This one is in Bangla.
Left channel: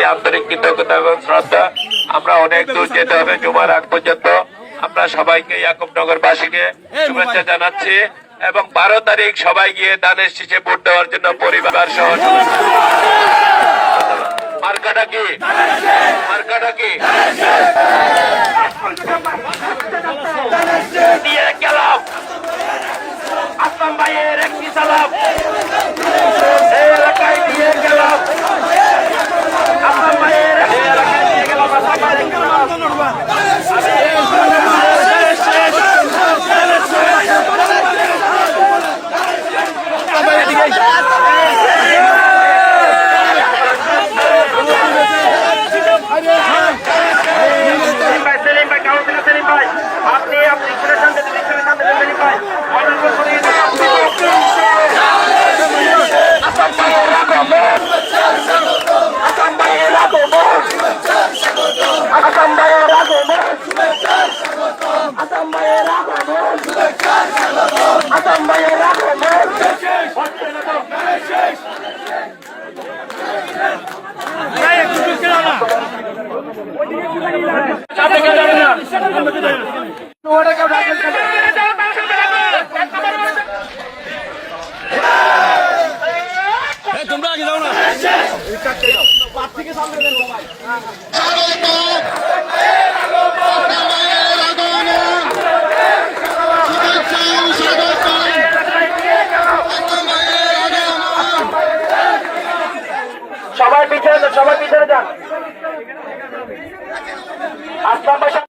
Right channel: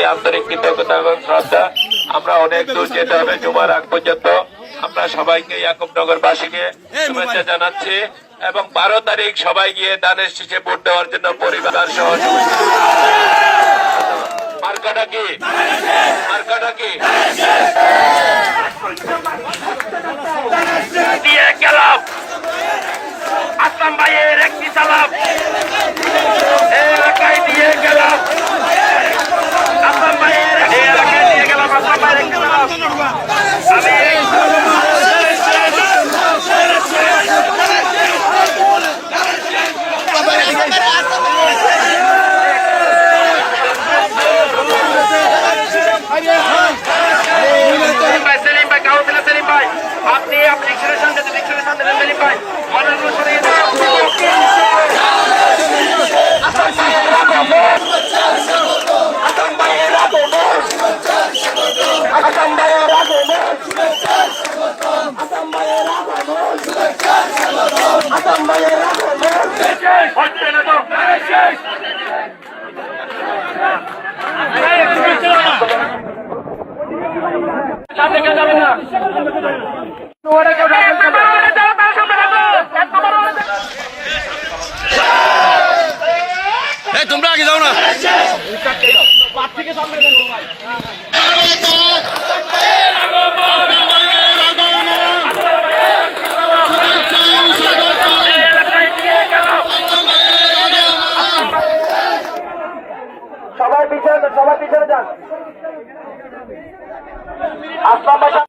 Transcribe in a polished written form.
প্রতি আন্তরিক কৃতজ্ঞতা এবং শ্রদ্ধা। আমরা অনেক দূর যেতে হবে জুমার আগ পর্যন্ত। আমরা সবাইকে ইয়াকুবনগরবাসীকে শুভেচ্ছা জানাচ্ছি এবং 12 তারিখ সবাই গিয়ে দানের শীষে ভোট দেওয়ার জন্য পরিবার সহ মার্কাটা কি দিয়ে গেলাম আসলাম ভাইয়ের একটি সালাম এই এলাকায় দিয়ে গেলাম আসলাম ভাইয়ের এই এলাকায় দিয়ে গেলাম আসলাম ভাইয়ের একটি সালাম আপনি সেলিম ভাই তোমরা আগে যাও না সবাই পিছনে যান আসলাম ভাই